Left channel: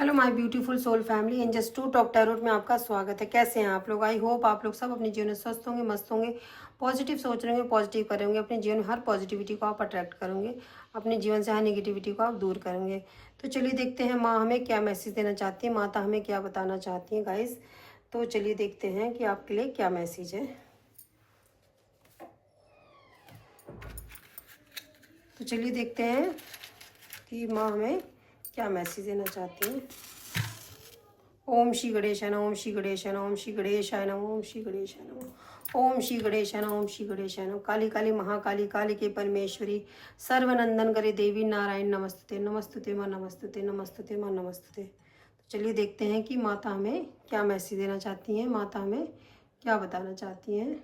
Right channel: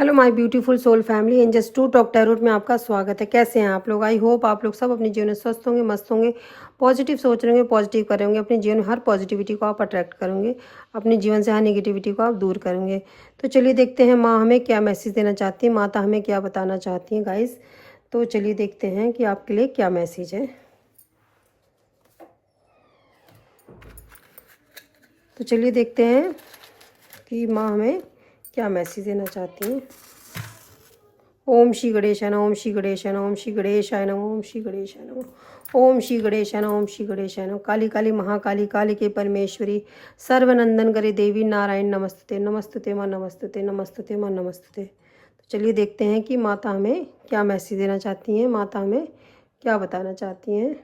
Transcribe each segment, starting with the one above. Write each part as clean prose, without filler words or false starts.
Hello my beautiful soul family, angels to talk tarot में आपका स्वागत है। कैसे हैं आप लोग? आई होप आप लोग सब अपने जीवन में स्वस्थ होंगे, मस्त होंगे, पॉजिटिव सोच रहे होंगे, पॉजिटिव करेंगे। अपने जीवन में हर पॉजिटिविटी को आप अट्रैक्ट करेंगे, अपने जीवन से हर नेगेटिविटी को आप दूर करेंगे। तो चलिए देखते हैं माँ हमें क्या मैसेज देना चाहती है, माता हमें क्या बताना चाहती हैं गाइस। तो चलिए देखते हैं कि आपके लिए क्या मैसेज है। तो चलिए देखते हैं कि माँ हमें क्या मैसेज देना चाहती हैं। ओम श्री गणेशाय नमः, ओम श्री गणेशाय नमः, ओम श्री गणेशाय नमः, ओम श्री गणेशाय नमः, ओम श्री गणेशाय नमः, ओम श्री गणेशाय नमः। काली काली महाकाली, काली के परमेश्वरी, सर्वनंदन करे देवी नारायण नमस्तुते, नमस्तुते माँ, नमस्तुते, नमस्तुते माँ, नमस्तुते। तो चलिए देखते हैं कि माता हमें क्या मैसेज देना चाहती हैं, माता हमें क्या बताना चाहती हैं।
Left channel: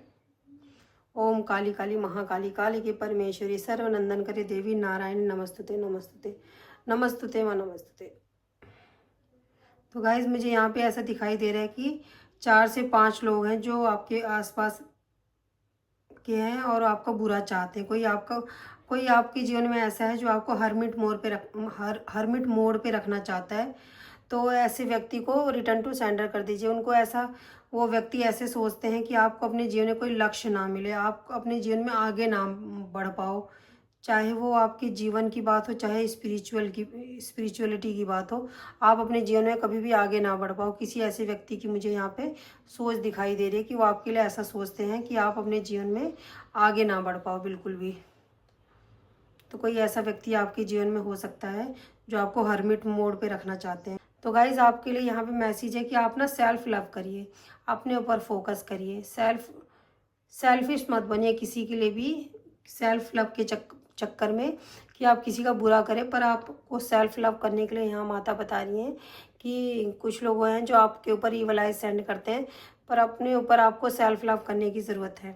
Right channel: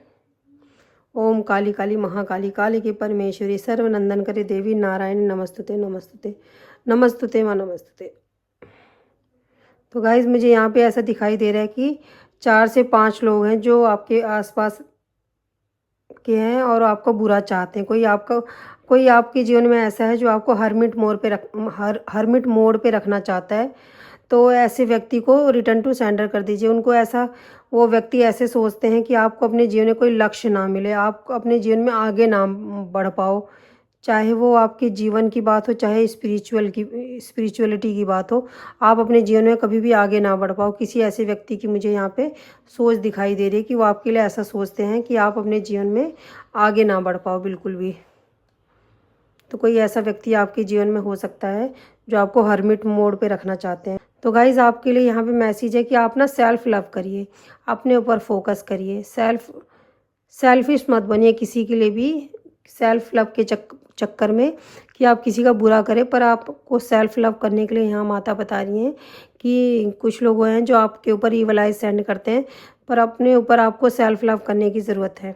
ओम काली काली महाकाली, काली के परमेश्वरी, सर्वनंदन करे देवी नारायण नमस्तुते, नमस्तुते, नमस्तुते माँ, नमस्तुते। तो गाइज मुझे यहाँ पे ऐसा दिखाई दे रहा है कि 4 से 5 लोग हैं जो आपके आसपास के हैं और आपको बुरा चाहते हैं। कोई आपके जीवन में ऐसा है जो आपको हरमिट मोड पे रखना चाहता है। तो ऐसे व्यक्ति को रिटर्न टू सेंडर कर दीजिए। उनको ऐसा वो व्यक्ति ऐसे सोचते हैं कि आपको अपने जीवन में कोई लक्ष्य ना मिले, आप अपने जीवन में आगे ना बढ़ पाओ। चाहे वो आपके जीवन की बात हो, चाहे स्पिरिचुअलिटी की बात हो, आप अपने जीवन में कभी भी आगे ना बढ़ पाओ। किसी ऐसे व्यक्ति की मुझे यहाँ पे सोच दिखाई दे रही है कि वो आपके लिए ऐसा सोचते हैं कि आप अपने जीवन में आगे ना बढ़ पाओ बिल्कुल भी। तो कोई ऐसा व्यक्ति आपके जीवन में हो सकता है जो आपको हर्मिट मोड पे रखना चाहते हैं। तो गाइज आपके लिए यहाँ पे मैसेज है कि आप ना सेल्फ लव करिए, अपने ऊपर फोकस करिए। सेल्फिश मत बनिए किसी के लिए भी। सेल्फ लव के चक्कर में कि आप किसी का बुरा करें, पर आपको सेल्फ लव करने के लिए यहाँ माता बता रही हैं कि कुछ लोग हैं जो आपके ऊपर ईवलाइज सेंड करते हैं, पर अपने ऊपर आपको सेल्फ लव करने की ज़रूरत है।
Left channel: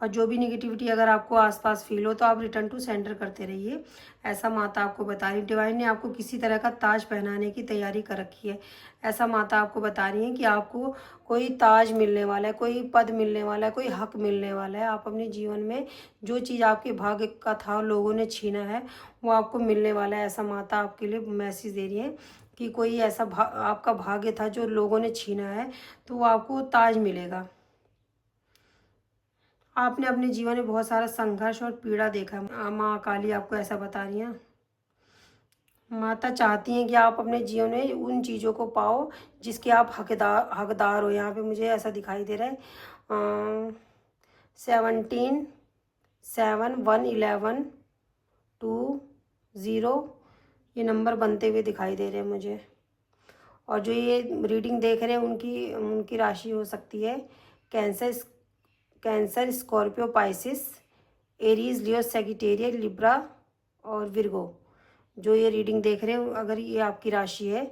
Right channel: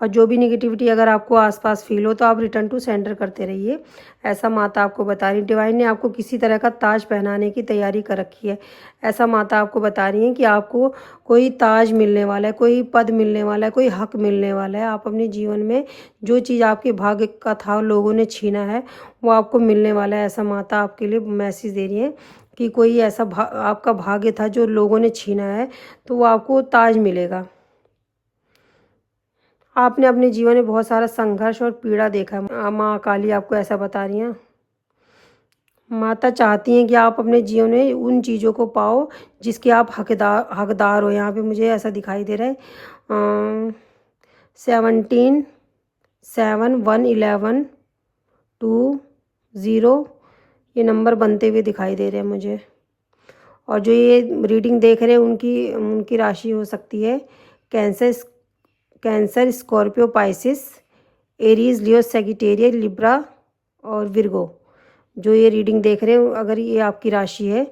और जो भी निगेटिविटी अगर आपको आसपास फील हो तो आप रिटर्न टू सेंडर करते रहिए, ऐसा माता आपको बता रही। डिवाइन ने आपको किसी तरह का ताज पहनाने की तैयारी कर रखी है, ऐसा माता आपको बता रही है कि आपको कोई ताज मिलने वाला है, कोई पद मिलने वाला है, कोई हक मिलने वाला है। आप अपने जीवन में जो चीज़ आपके भाग्य का था, लोगों ने छीना है, वो आपको मिलने वाला है। ऐसा माता आपके लिए मैसेज दे रही है कि कोई ऐसा आपका भाग्य था जो लोगों ने छीना है, तो वो आपको ताज मिलेगा। आपने अपने जीवन में बहुत सारा संघर्ष और पीड़ा देखा है। माँ काली आपको ऐसा बता रही हैं। माता चाहती हैं कि आप अपने जीवन में उन चीज़ों को पाओ जिसके आप हकदार हो। यहाँ पे मुझे ऐसा दिखाई दे रहा है 17 7 1 11 2 0, ये नंबर बनते हुए दिखाई दे रहे हैं मुझे। और जो ये रीडिंग देख रहे हैं उनकी उनकी राशि हो सकती है कैंसर, स्कॉर्पियो, पाइसिस, एरीज, लियो, सेगिटेरियस, लिब्रा और विर्गो। जो ये रीडिंग देख रहे हो, अगर ये आपकी राशि है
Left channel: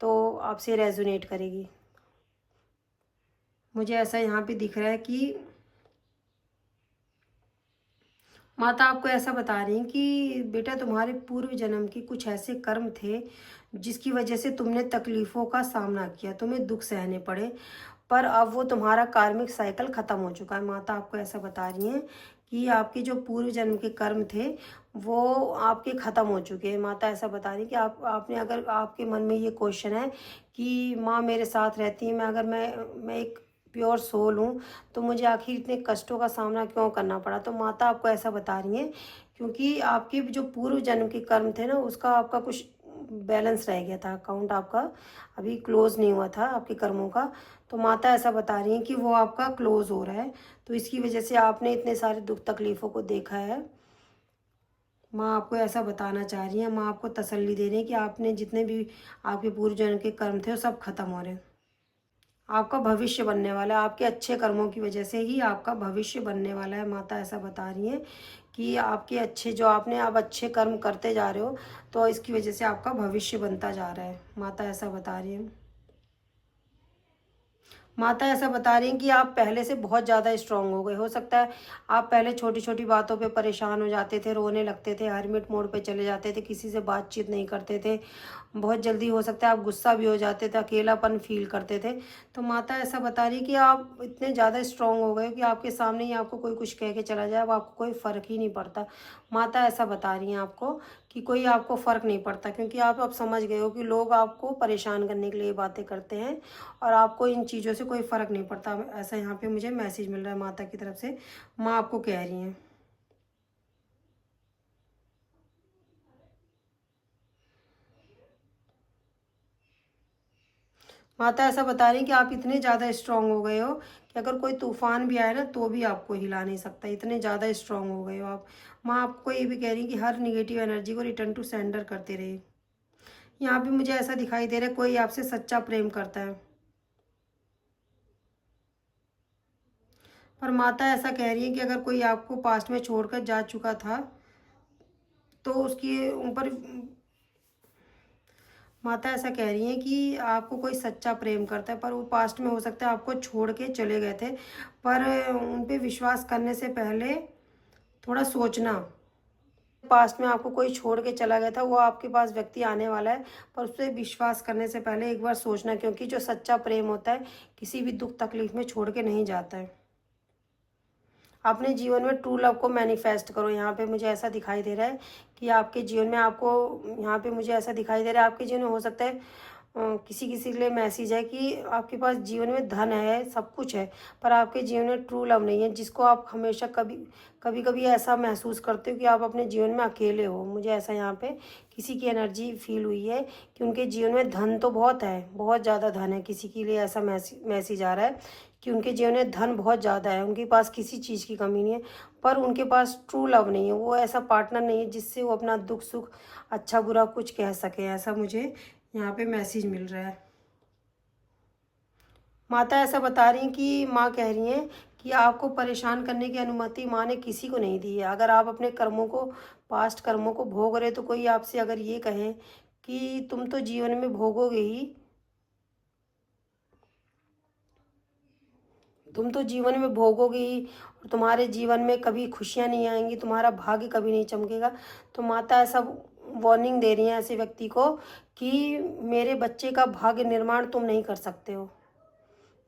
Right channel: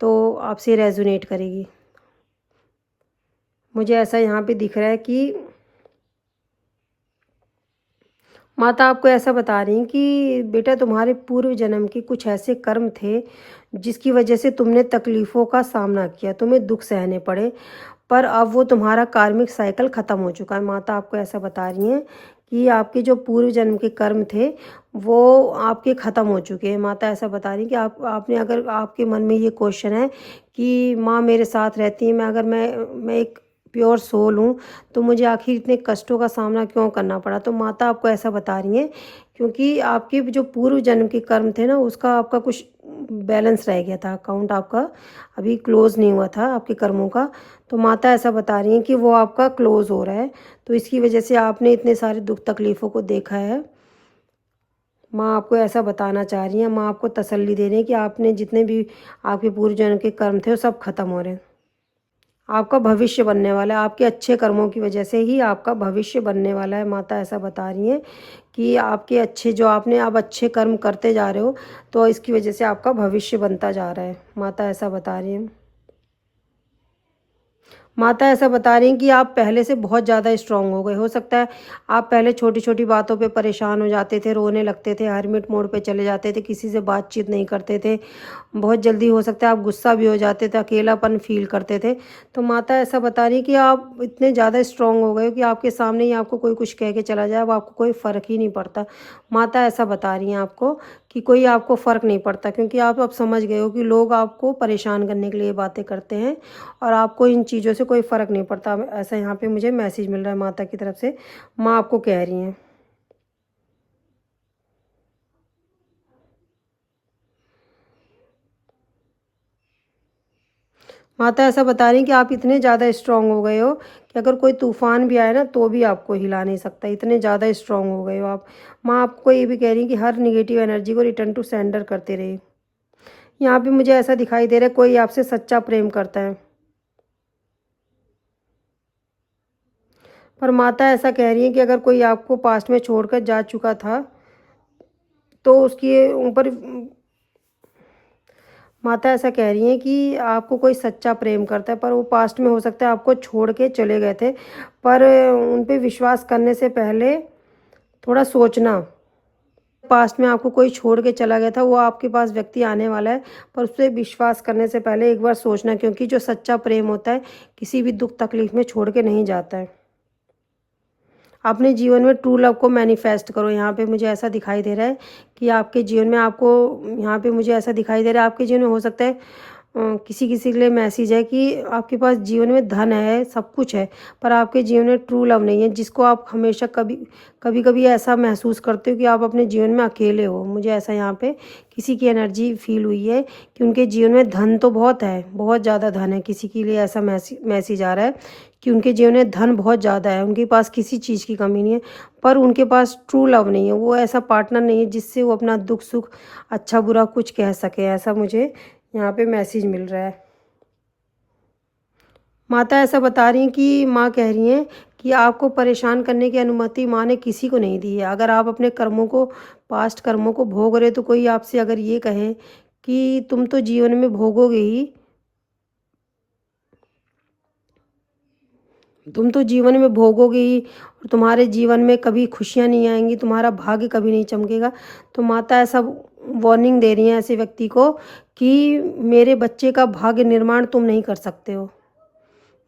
तो आपसे रेजोनेट करेगी। मुझे ऐसा यहाँ पे दिख रहा है कि माता आपको ऐसा बता रही हैं कि बेटा तुम्हारे पूर्व जन्म के कुछ ऐसे कर्म थे जिसकी वजह से तुमने तकलीफ़ों का सामना किया, तुम्हें दुख सहने पड़े, पर अब वो तुम्हारा कार्मिक साइकिल ख़त्म हो चुका है। माता आपको ऐसा बता रही हैं कि आपके जो पूर्व जन्म के कर्म थे वो आपके ख़त्म हो चुके हैं। माता ऐसा बता रही हैं कि आपने अगर आपके मन में ये क्वेश्चन है कि माँ मेरे साथ रहती है, मैं एक प्योर सोल हूँ, तो मुझे आखिर इतने कष्टों का सामना क्यों करना पड़ा। तो माता आपको ऐसा बता रही हैं क्योंकि आपके जो पूर्व जन्म के कर्म थे ना, उसका आपका कुछ बैलेंस रह गया था, अकाउंट आपका अभी क्लोज़ नहीं हुआ था आपके कर्मों का। तो माता ऐसा बता रही हैं कि वो आपका क्लोज़ हो रहा है, तो इसकी वजह से आपने इतने सारे दुख तकलीफ़ों को देखा है। माँ आपको ऐसा बताना चाह रही हैं, माँ आपको तसल्ली दे रही है कि आपने जितने भी आपके पूर्व जन्म के कर्म थे वो सब खत्म हो रहे हैं। आपका भविष्य बनने वाला है, आपके अच्छे कर्मों की वजह से ही आपका भविष्य बनने वाला है। माता ऐसा बता रही हैं कि आपके अच्छे जो आपने अब अच्छे कर्म करते जा रहे हो, तो इसकी वजह से आपका भविष्य बनता जा रहा है। माता ऐसा बता रही हैं। माता ऐसा बता रही हैं कि आप पहले से बहुत ज़्यादा स्ट्रांग हो गए। हो सकता है आप पहले छोटी छोटी बातों पे परेशान हो जाते थे, रोने लगते थे, हरमिट मोड पे चले जाते थे, किसी से बातचीत नहीं करते थे, बहुत जल्दी हो सकता है आप गुस्सा भी हो जाते थे, अकेलापन फील करते थे। तो माता ऐसा बता रही है कि आप इतने ज़्यादा स्ट्रांग हो गए हो कि आपके सामने ही आपको कोई कुछ कह के चला जाए, अब आपको कोई फ़र्क ही नहीं पड़ता। माता ऐसा बता रही हैं आपको कि कोई आपको फ़र्क नहीं पड़ता, क्योंकि आप अब समझ गए हो कि लोग आपको परेशान करने के लिए बातें करते हैं और आपको इन चीज़ों से कोई फ़र्क नहीं पड़ता। ऐसा यहाँ पे मुझे मैसेज मिल रहा है माता की तरफ से, माँ आपको कह रही हैं। माता ऐसा बता रही हैं कि आप इतने ज़्यादा स्ट्रांग हो गए हो कि अगर कोई तूफान भी आए ना तो भी आपको हिला नहीं सकता, इतने ज़्यादा स्ट्रांग हो गए हो आप। माँ आपको ये भी कह रही हैं कि हर निगेटिव एनर्जी को रिटर्न टू सेंडर करते रहे। यहाँ पे मुझे ऐसा दिखाई दे रहा है कोई आपसे सच्चा प्रेम करता है, पर माता ऐसा कह रही है कि अगर कोई आपको पास्ट में छोड़कर जा चुका था तो उसके ऊपर माता ऐसा कह रही हैं कि आपको कोई सच्चा प्रेम करता है, पर वो पास्ट में हो सकता है आपको छोड़ के चले गए थे, पर उन पे विश्वास करने से पहले थोड़ा सोचना। पास्ट में आपको कोई छोड़ के चला गया था, वो आपके पास व्यक्ति आने वाला है, पर उस पर विश्वास करने से पहले एक बार सोचना, क्योंकि जो सच्चा प्रेम होता है किसी भी दुख तकलीफ में छोड़ के नहीं जाता है। अपने जीवन में ट्रू लव को मैनिफेस्ट करो। यहाँ पे मुझे ऐसा दिखाई दे रहा है कि आपके जीवन में आपको, यहाँ पे मुझे ऐसा दिखाई दे रहा है आपके जीवन में हो सकता है किसी किसी के लिए मैसेज है कि आपके पास जीवन में धन है, सब कुछ है, पर आपके जीवन में ट्रू लव नहीं है, जिसको आप हमेशा कभी कभी कभी ऐसा महसूस करते हो कि आप अपने जीवन में अकेले हो। मुझे ऐसा यहाँ पे किसी की एनर्जी फील हुई है कि उनके जीवन में धन तो बहुत है, बहुत ज़्यादा धन है, किसी के लिए ऐसा मैसेज आ रहा है कि उनके जीवन में धन बहुत ज़्यादा है, उनके पास किसी चीज़ की कमी नहीं है, पर उनके पास ट्रू लव नहीं है, वो ऐसा पार्टनर नहीं है जिससे वो अपना दुख सुख अच्छा बुरा कुछ कह सके। ऐसा मुझे यहाँ पे मैसेज मिल रहा है। माता ऐसा बता रही हैं कि माँ कह रही हैं कि आपको परेशान करने की अनुमति माँ ने किसी को नहीं दी है। अगर आप अपने कर्मों को, पास्ट कर्मों को भोग रहे हो, तो कोई आपसे अगर ये कहे कि तुम तो जीवन में भोगोगे ही, तुम तो जीवन में भोगोगे ही और तुम्हारे जीवन में कभी खुशियाँ नहीं आएंगी, तुम्हारा भाग्य कभी नहीं चमकेगा, तो माता ऐसा वार्निंग दे रही हैं ऐसे व्यक्ति को कि मेरे बच्चे का भाग्य निर्माण तुम नहीं कर सकते हो।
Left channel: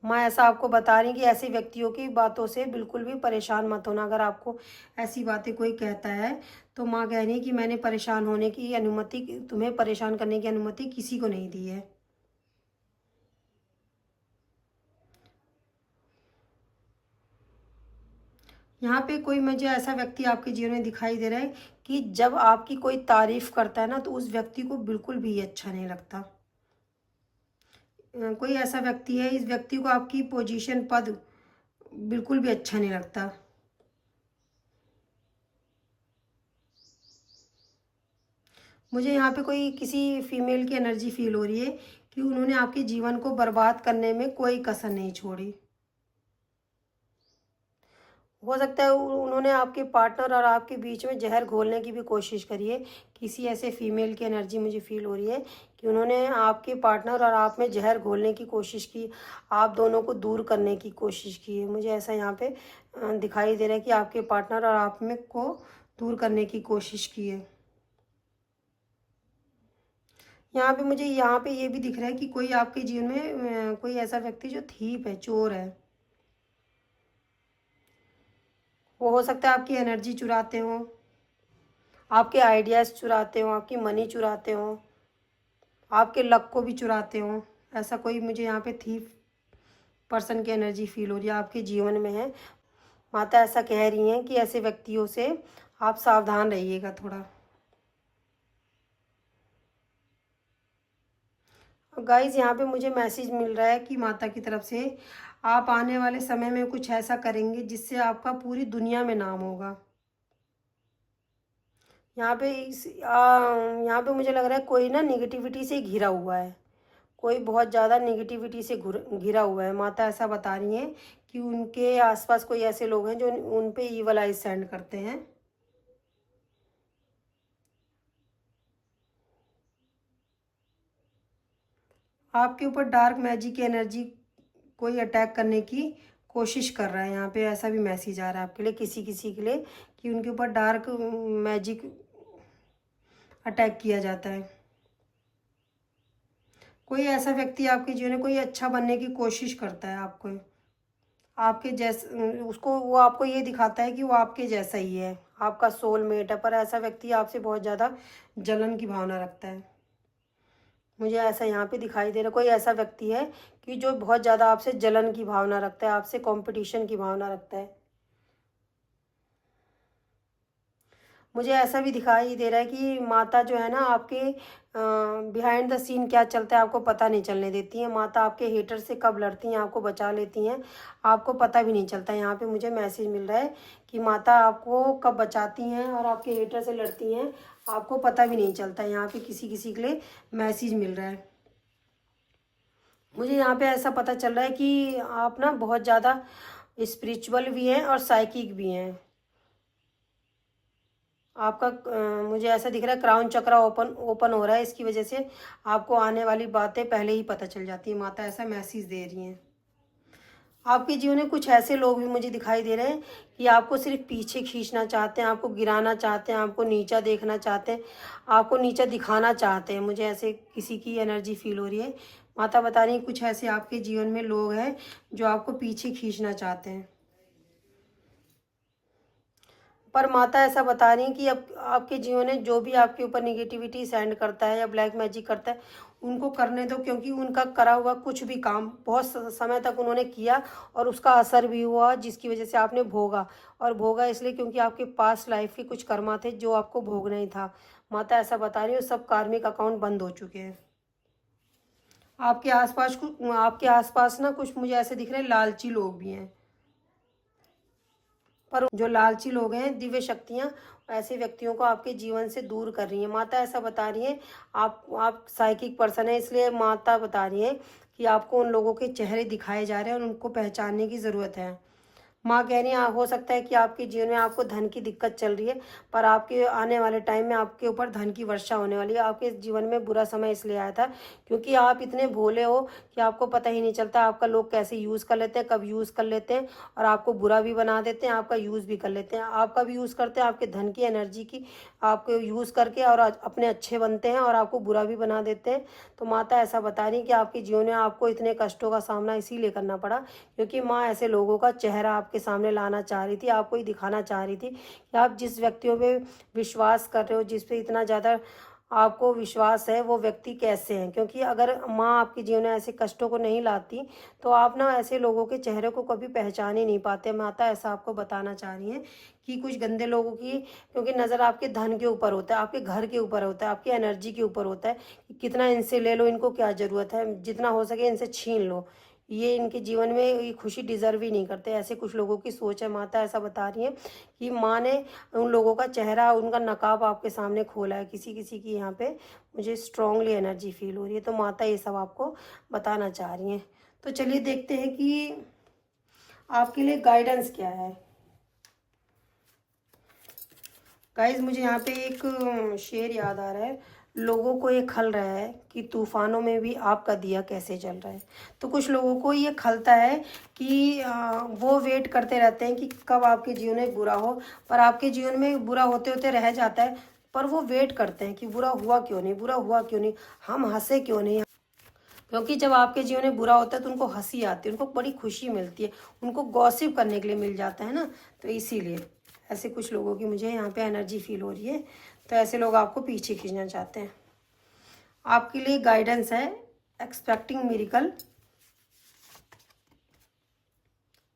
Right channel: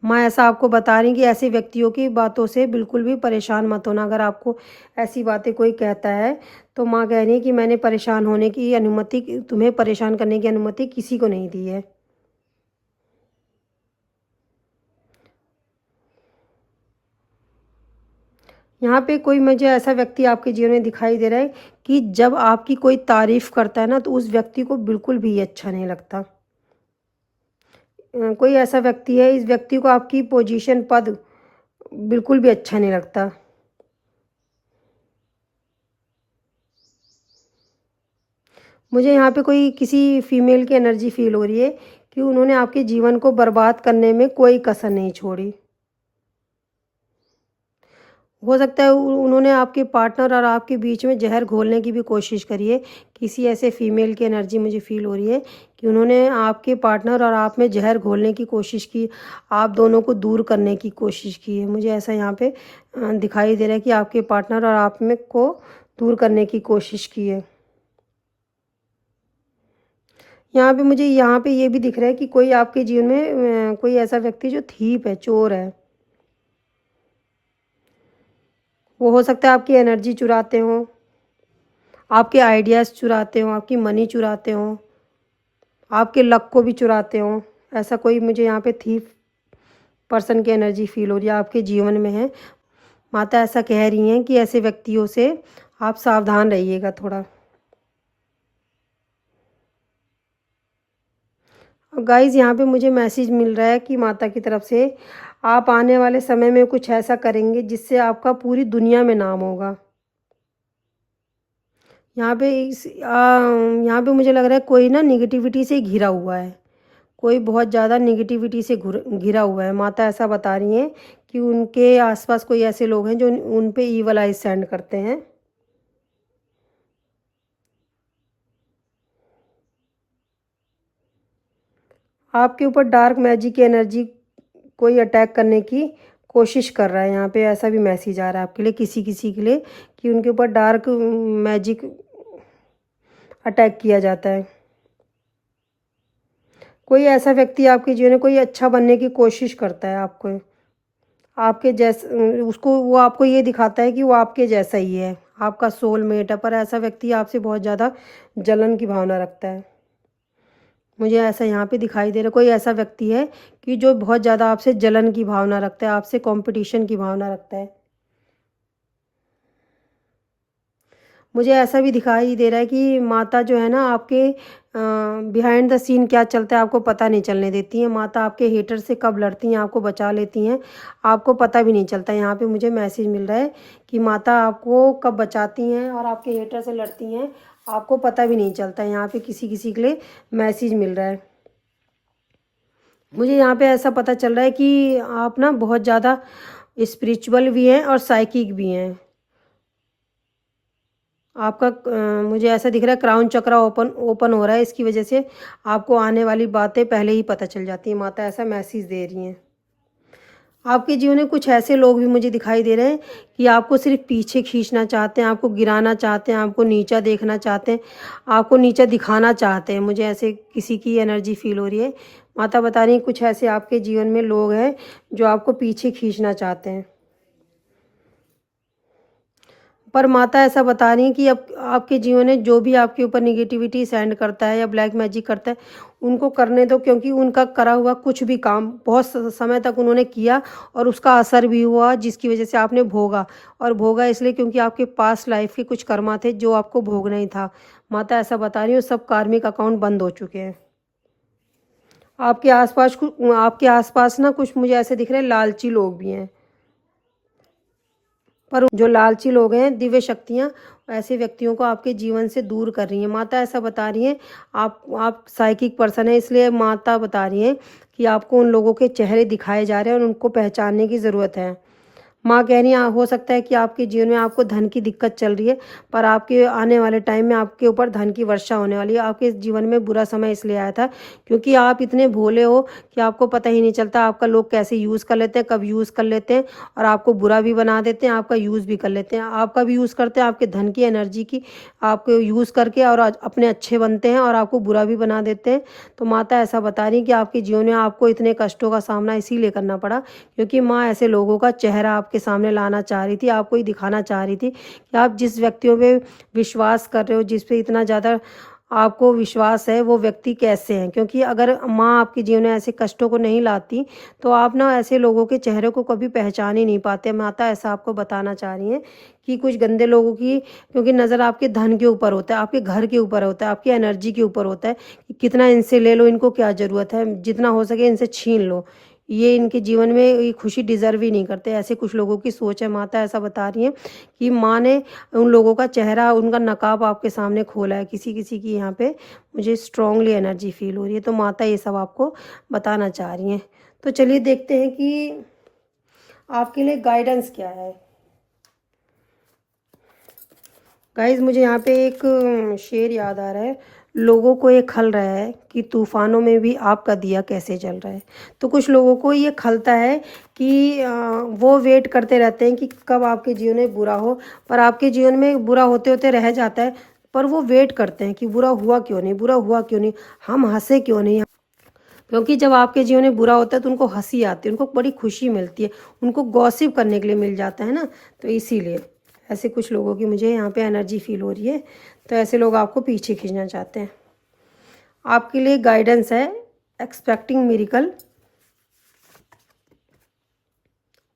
माँ ऐसा आपको बता रही कि ऐसे व्यक्तियों की बातों से बिल्कुल भी परेशान मत होना। अगर आपको ऐसी बातें कोई कहता है तो माँ कह रही है कि मैंने परेशान होने की अनुमति, तुम्हें परेशान करने की अनुमति किसी को नहीं दी है। यहाँ पे कोई मुझे ऐसा व्यक्ति आपके जीवन में दिखाई दे रहा है कि जब आपकी कोई तारीफ करता है ना तो उस व्यक्ति को बिल्कुल भी अच्छा नहीं लगता। कोई ऐसा व्यक्ति है, इस व्यक्ति को आपकी पोजीशन, पद बिल्कुल भी अच्छा नहीं लगता। मुझे यहाँ पे कोई किसी फीमेल की एनर्जी फील हो रही है कि उन्होंने आपके जीवन को बर्बाद करने में कोई कसर नहीं छोड़ी। हो सकता है उन्होंने आपके पार्टनर और आपके बीच में जहर घोलने की भी कोशिश करी है। किसी ऐसे फीमेल की एनर्जी मुझे फील हो रही है कि उन्होंने आपके पार्टनर और आप में जहर घोलने की कोशिश की, आप दोनों को दूर करने की कोशिश की है। मुझे ऐसा यहाँ पे दिखाई दे रहा है कि आपके पार्टनर और आप में को दूर करने की कोशिश की है। यहाँ पे मुझे यहाँ पे ये भी दिख रहा है कि कोई आपके जीवन में कोई ऐसा व्यक्ति जो थीप है, चोर है। वो हो सकता है आपकी एनर्जी चुराते हो, आपके आइडियाज़ चुराते हो, आपकी मनी चुराते हो, आपके लक को भी चुराते हो। ऐसा कोई मुझे यहाँ पे थीफ पर्सन की एनर्जी फील हो रही है, आपके जीवन में है। माता ऐसा कह रही हैं कि ऐसे व्यक्तियों से आप सावधान रहिएगा थोड़ा। गाइस यहाँ पे मुझे मैसेज मिल रहा है कि माता की तरफ से आप आने वाले समय में कुछ ऐसा करेंगे जिससे आपका पूरी दुनिया में नाम होगा। यहाँ पे मुझे लग रहा है कोई ना निगेटिविटी से घिरा हुआ है, कोई बहुत ज़्यादा निगेटिविटी से घिरा हुआ है। माता ऐसा बता रही हैं कि उनके आसपास कोई ऐसे लोग हैं जो उन पे ईवल आइज सेंड करते हैं। आपके ऊपर डार्क मैजिक की एनर्जी कोई अटैक करने की कोशिश कर रहा है। यहाँ पे ऐसा भी मैसेज आ रहा है आपके लिए, किसी किसी के लिए, कि उनके ऊपर डार्क मैजिक अटैक किया जाता है। कोई ऐसा व्यक्ति आपके जीवन में कोई अच्छा बनने की कोशिश करता है, आपको आपके जैसे, उसको वो आपको ये दिखाता है कि वो आपके जैसा ही है, आपका सोलमेट है, पर ऐसा व्यक्ति आपसे बहुत ज़्यादा जलन की भावना रखता है। मुझे ऐसा यहाँ पे दिखाई दे रहा है, कोई ऐसा व्यक्ति है कि जो बहुत ज़्यादा आपसे जलन की भावना रखता है, आपसे कंपटीशन की भावना रखता है। मुझे ऐसा भी दिखाई दे रहा है कि माता जो है ना आपके बिहाइंड द सीन क्या चलता है आपको पता नहीं चलने देती है। माता आपके हेटर से कब लड़ती हैं, आपको बचा लेती हैं, आपको पता भी नहीं चलता। यहाँ पे मुझे मैसेज मिल रहा है कि माता आपको कब बचाती हैं और आपके हेटर से लड़ती हैं, आपको पता भी नहीं चलता। यहाँ पे किसी किसी के लिए मैसेज मिल रहा है। मुझे यहाँ पे ऐसा पता चल रहा है कि आप ना बहुत ज़्यादा स्पिरिचुअल भी हैं और साइकिक भी हैं। आपका मुझे ऐसा दिख रहा है क्राउन चक्र ओपन ओपन हो रहा है, इसकी वजह से आपको आने वाली बातें पहले ही पता चल जाती हैं। माता ऐसा मैसेज दे रही हैं। आपके जीवन में कुछ ऐसे लोग भी मुझे दिखाई दे रहे हैं कि आपको सिर्फ पीछे खींचना चाहते हैं, आपको गिराना चाहते हैं, आपको नीचा देखना चाहते हैं, आपको नीचा दिखाना चाहते हैं। मुझे ऐसे किसी की एनर्जी फील हो रही है। माता बता रही हैं कुछ ऐसे आपके जीवन में लोग हैं जो आपको पीछे खींचना चाहते हैं। पर माता ऐसा बता रही हैं कि अब आपके जीवन में जो भी आपके ऊपर निगेटिविटी सेंड करता है या ब्लैक मैजिक करता है, उनको करने दो, क्योंकि उनका करा हुआ कुछ भी काम बहुत समय तक उन्होंने किया और उसका असर भी हुआ, जिसकी वजह से आपने भोगा। और भोगा इसलिए क्योंकि आपके पास लाइफ के कुछ कर्मा थे जो आपको भोगना ही था। माता ऐसा बता रही है सब कार्मिक अकाउंट बंद हो चुके हैं। आपके आसपास ना कुछ मुझे ऐसे दिख रहे हैं लालची लोग भी हैं। पर जो लालची लोग हैं, दिव्य शक्तियाँ ऐसे व्यक्तियों को आपके जीवन से दूर कर रही हैं। माता ऐसा बता रही हैं आप साइकिक पर्सन है, इसलिए माता बता रही हैं कि आपको उन लोगों के चेहरे दिखाए जा रहे हैं और उनको पहचानने की ज़रूरत है। माँ कह रही हैं हो सकता है कि आपके जीवन में आपको धन की दिक्कत चल रही है, पर आपके आने वाले टाइम में आपके ऊपर धन की वर्षा होने वाली है। आपके जीवन में बुरा समय इसलिए आया था क्योंकि आप इतने भोले हो कि आपको पता ही नहीं चलता आपका लोग कैसे यूज़ कर लेते हैं, कब यूज़ कर लेते हैं और आपको बुरा भी बना देते हैं, आपका यूज़ भी कर लेते हैं। आपका भी यूज़ करते हैं, आपके धन की एनर्जी की आपको यूज़ करके और अपने अच्छे बनते हैं और आपको बुरा भी बना देते हैं। तो माता ऐसा बता रही कि आपके जीवन में आपको इतने कष्टों का सामना इसीलिए करना पड़ा क्योंकि माँ ऐसे लोगों का चेहरा आपके सामने लाना चाह रही थी, आपको ही दिखाना चाह रही थी कि आप जिस व्यक्तियों पे विश्वास कर रहे हो, जिस पे इतना ज़्यादा आपको विश्वास है, वो व्यक्ति कैसे हैं। क्योंकि अगर माँ आपके जीवन में ऐसे कष्टों को नहीं लाती तो आप ना ऐसे लोगों के चेहरे को कभी पहचान ही नहीं पाते। माता ऐसा आपको बताना चाह रही हैं कि कुछ गंदे लोगों की, क्योंकि नज़र आपके धन के ऊपर होता है, आपके घर के ऊपर होता है, आपकी एनर्जी के ऊपर होता है कि कितना इनसे ले लो, इनको क्या ज़रूरत है, जितना हो सके इनसे छीन लो, ये इनके जीवन में ये खुशी डिजर्व ही नहीं करते। ऐसे कुछ लोगों की सोच है। माता ऐसा बता रही है कि माँ ने उन लोगों का चेहरा, उनका नकाब आपके सामने खोला है। किसी किसी की यहाँ पे मुझे स्ट्रांगली एनर्जी फील हो रही है। तो माता ये सब आपको बताना चाह रही हैं। तो चलिए देखते हैं कि आपके लिए गाइडेंस क्या है। गाइज मुझे यहाँ पे एक शेर याद आ रहा है, लोगों को ये खल रहा है कि तूफानों में भी आपका दिया कैसे जल रहा है। तो कुछ लोगों को ये खलता है कि वो वेट करते रहते हैं कि कब आपके जीवन में बुरा हो, पर आपके जीवन में बुरा होते होते रह जाता है। पर वो वेट करते हैं कि बुरा हुआ क्यों नहीं, बुरा हुआ क्यों नहीं, हम हंसे क्यों नहीं। क्योंकि जब आपके जीवन में बुरा होता है तो उनको हंसी आती है, उनको बड़ी खुशी मिलती है, उनको गॉसिप करने के लिए मिल जाता है ना। तो इसीलिए ऐसे कुछ लोगों की मुझे यहाँ पे एनर्जी फील हो रही है। तो ऐसे लोग आपको पीछे खींचना चाहते हैं। आपके लिए गाइडेंस है expecting miracle,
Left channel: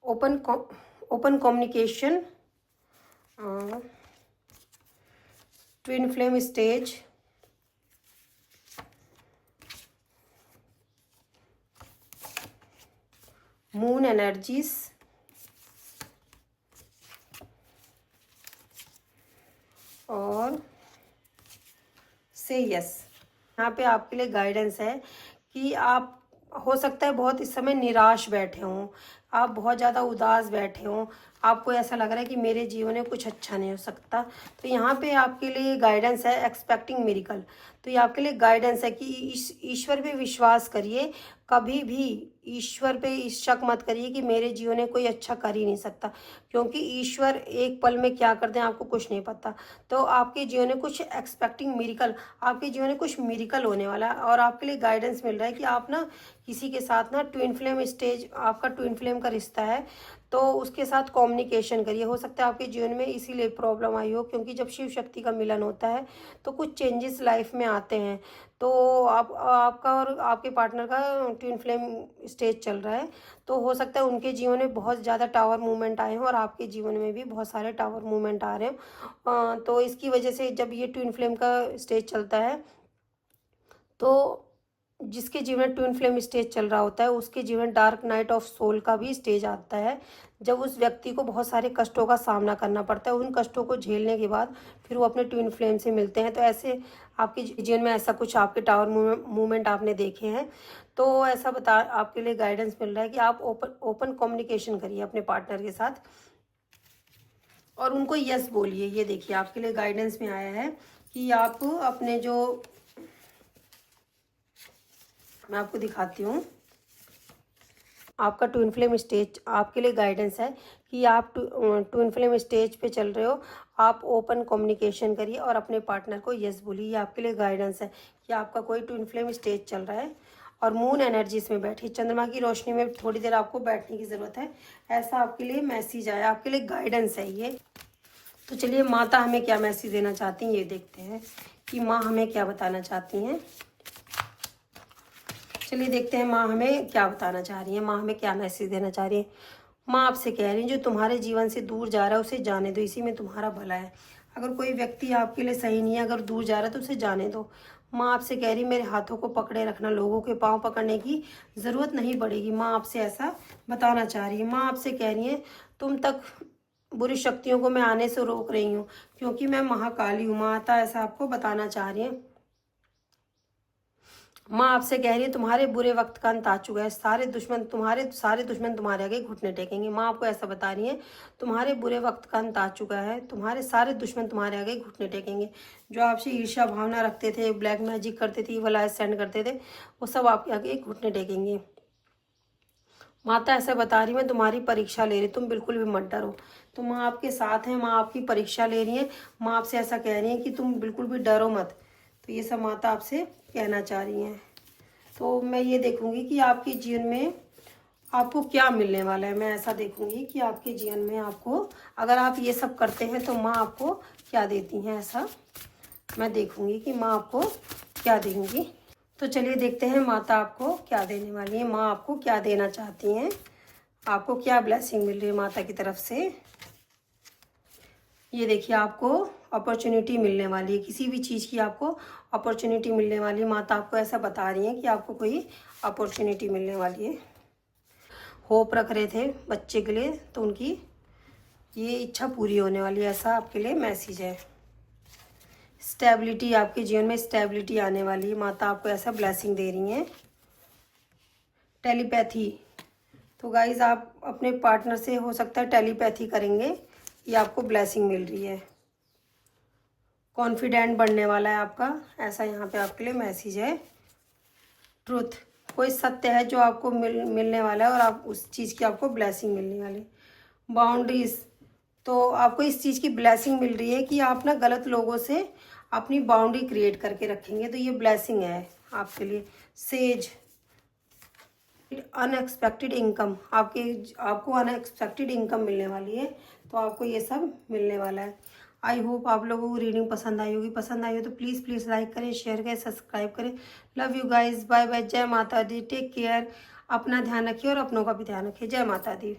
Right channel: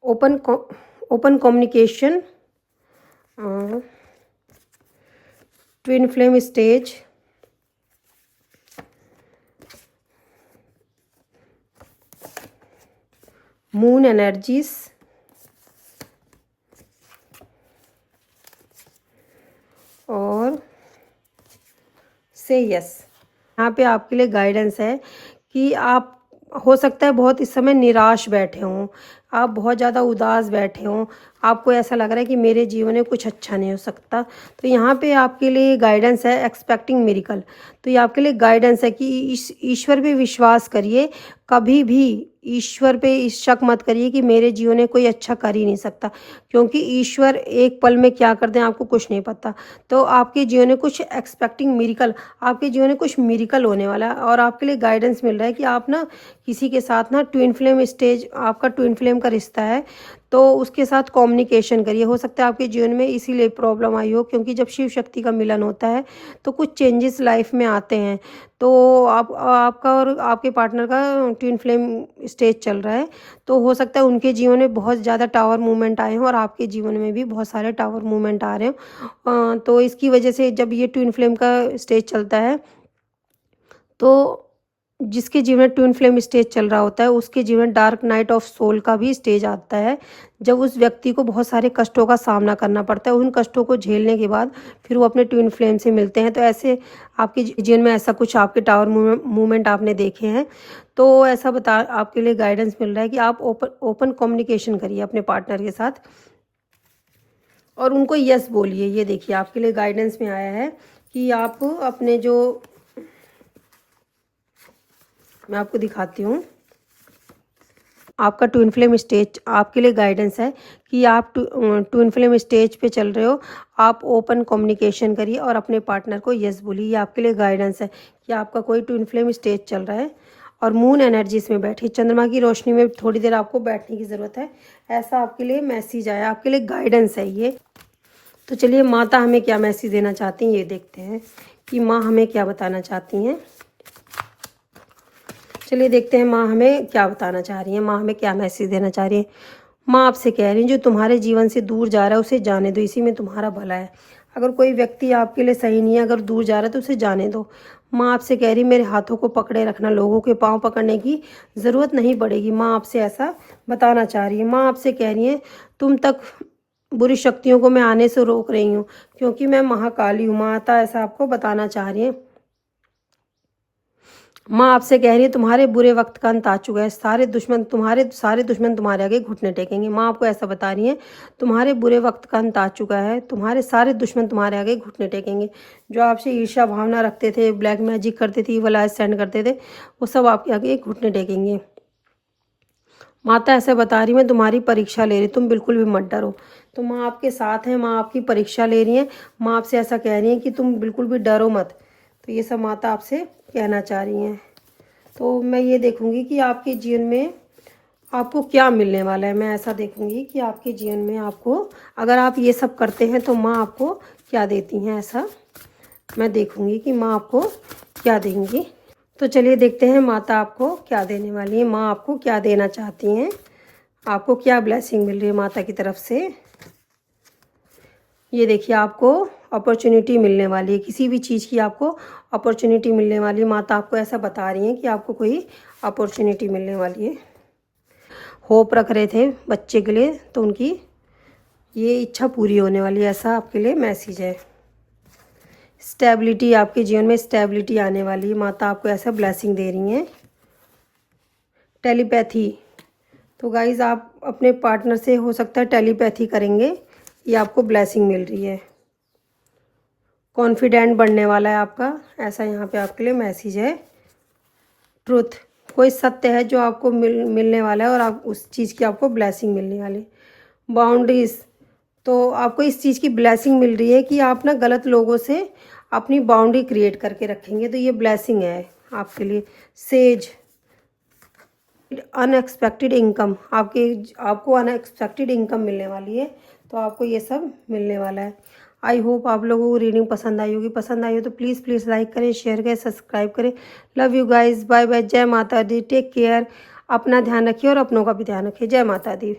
open communication, twin flame stage, moon energies और से यस। यहाँ पे आपके लिए गाइडेंस है कि आप हो सकता है बहुत इस समय निराश बैठे हों, आप बहुत ज़्यादा उदास बैठे हों, आपको ऐसा लग रहा है कि मेरे जीवन में कुछ अच्छा नहीं हो सकता। तो यहाँ पे आपके लिए गाइडेंस है एक्सपेक्टिंग मिरेकल। तो ये आपके लिए गाइडेंस है कि ईश्वर पे विश्वास करिए, कभी भी ईश्वर पे इस शक मत करिए कि मेरे जीवन में कोई अच्छा कर ही नहीं सकता, क्योंकि ईश्वर एक पल में क्या कर दें आपको कुछ नहीं पता। तो आपके जीवन में कुछ एक्सपेक्टिंग मिरेकल, आपके जीवन में कुछ मिरेकल होने वाला है। और आपके लिए गाइडेंस मिल रहा है कि आप ना किसी के साथ ना ट्विन फ्लेम स्टेज, आपका ट्विन फ्लेम का रिश्ता है, तो उसके साथ कम्युनिकेशन करिए। हो सकता है आपके जीवन में इसीलिए प्रॉब्लम आई हो, क्योंकि जब शिव शक्ति का मिलन होता है तो कुछ चेंजेस लाइफ में आते हैं। तो आपका और आपके पार्टनर का ट्विन फ्लेम स्टेज चल रहा है, तो हो सकता है उनके जीवन में बहुत ज़्यादा टावर मूवमेंट आए हों और आपके जीवन में भी बहुत सारे टावर मूवमेंट आ रहे हों। तो इसकी वजह से जब ये ट्विन फ्लेम का स्टेज चलता है, तो जिसके जीवन में ट्विन फ्लेम स्टेज चल रहा होता है उसके जीवन डार्क नाइट ऑफ सोल का भी स्टेज आता है, जब उस व्यक्ति को बहुत सारे कष्टों का सामना करना पड़ता है। उन कष्टों को झेलने के बाद फिर वो अपने ट्विन फ्लेम से मिलते हैं। तो ऐसे आपके जीवन में ऐसा कुछ आपके टावर मूवमेंट आपने देखे हैं, तो ऐसा बता आपके लिए गाइडेंस मिल रहा है कि आप ओपन कम्युनिकेशन करिए अपने पार्टनर के साथ और उनको यस बोलिए। ये देखिए आपके लिए गाइडेंस में आया है कि आप अपने जो, मैं आपको दिखाती हूँ, आपका ट्विन फ्लेम स्टेज आपके लिए गाइडेंस है कि आप ट्विन फ्लेम स्टेज पे चल रहे हो। आप ओपन कम्युनिकेशन करिए और अपने पार्टनर को यस बोलिए। ये आपके लिए गाइडेंस है कि आपका कोई ट्विन फ्लेम स्टेज चल रहा है और मून एनर्जी इसमें बैठी, चंद्रमा की रोशनी में थोड़ी देर आपको बैठने की ज़रूरत है। ऐसा आपके लिए मैसेज आया, आपके लिए गाइडेंस है ये। तो चलिए माता हमें क्या मैसेज देना चाहती हैं ये देखते हैं कि माँ हमें क्या बताना चाहती हैं। चलिए देखते हैं माँ हमें क्या बताना चाह रही है, माँ हमें क्या मैसेज देना चाह रही है। माँ आपसे कह रही है जो तुम्हारे जीवन से दूर जा रहा है उसे जाने दो, इसी में तुम्हारा भला है। अगर कोई व्यक्ति आपके लिए सही नहीं है, अगर दूर जा रहा है तो उसे जाने दो। माँ आपसे कह रही मेरे हाथों को पकड़े रखना, लोगों के पाँव पकड़ने की ज़रूरत नहीं पड़ेगी। माँ आपसे ऐसा बताना चाह रही है। माँ आपसे कह रही है तुम तक बुरी शक्तियों को मैं आने से रोक रही हूँ, क्योंकि मैं महाकाली हूँ। माता ऐसा आपको बताना चाह रही है। माँ आपसे कह रही है तुम्हारे बुरे वक्त का अंत आ चुका है, सारे दुश्मन तुम्हारे आगे घुटने टेकेंगे। माँ आपको ऐसा बता रही है तुम्हारे बुरे वक्त का अंत आ चुका है, तुम्हारे सारे दुश्मन तुम्हारे आगे घुटने टेकेंगे। जो आपसे ईर्ष्या भावना रखते थे, ब्लैक मैजिक करते थे, ईवल आइज सेंड करते थे, वो सब आपके आगे घुटने टेकेंगे। माता ऐसे बता रही मैं तुम्हारी परीक्षा ले रही, तुम बिल्कुल भी मत डरो। तो माँ आपके साथ है, माँ आपकी परीक्षा ले रही है। माँ आपसे ऐसा कह रही है कि तुम बिल्कुल भी डरो मत। तो ये सब माता आपसे कहना चाह रही हैं। तो मैं ये देखूंगी कि आपके जीवन में आपको क्या मिलने वाला है। मैं ऐसा देखूंगी कि आपके जीवन में आपको, अगर आप ये सब करते हैं तो माँ आपको क्या देती हैं, ऐसा मैं देखूंगी कि माँ आपको क्या देंगी। तो चलिए देखते हैं माता आपको क्या देने वाली है, माँ आपको क्या देना चाहती हैं, आपको क्या ब्लेसिंग मिल रही है माता की तरफ से। ये देखिए आपको अपॉर्चुनिटी मिलने वाली है, किसी भी चीज़ की आपको अपॉर्चुनिटी मिलने वाली है। माता आपको ऐसा बता रही है कि आपको कोई अपॉर्चुनिटी मिलने वाली है। होप रख रहे थे बच्चे के लिए तो उनकी ये इच्छा पूरी होने वाली है, ऐसा आपके लिए मैसेज है। स्टेबिलिटी, आपके जीवन में स्टेबिलिटी आने वाली है। माता आपको ऐसा ब्लेसिंग दे रही हैं। टेलीपैथी, तो गाइज आप अपने पार्टनर से हो सकता है टेलीपैथी करेंगे, ये आपको ब्लेसिंग मिल रही है। कॉन्फिडेंट बढ़ने वाला है आपका, ऐसा यहाँ पे आपके लिए मैसेज है। ट्रुथ, कोई सत्य है जो आपको मिलने वाला है और आप उस चीज़ की आपको ब्लेसिंग मिलने वाली। बाउंड्रीज, तो आपको इस चीज़ की ब्लेसिंग मिल रही है कि आप ना गलत लोगों से अपनी बाउंड्री क्रिएट करके रखेंगे, तो ये ब्लेसिंग है आपके लिए। सेज, अनएक्सपेक्टेड इनकम, आपको अनएक्सपेक्टेड इनकम मिलने वाली है, तो आपको ये सब मिलने वाला है। आई होप आप लोगों को रीडिंग पसंद आई होगी। पसंद आई हो तो प्लीज़ लाइक करें, शेयर करें, सब्सक्राइब करें। Love you guys, bye bye, जय माता दी, टेक केयर। अपना ध्यान रखिए और अपनों का भी ध्यान रखिए। जय माता दी।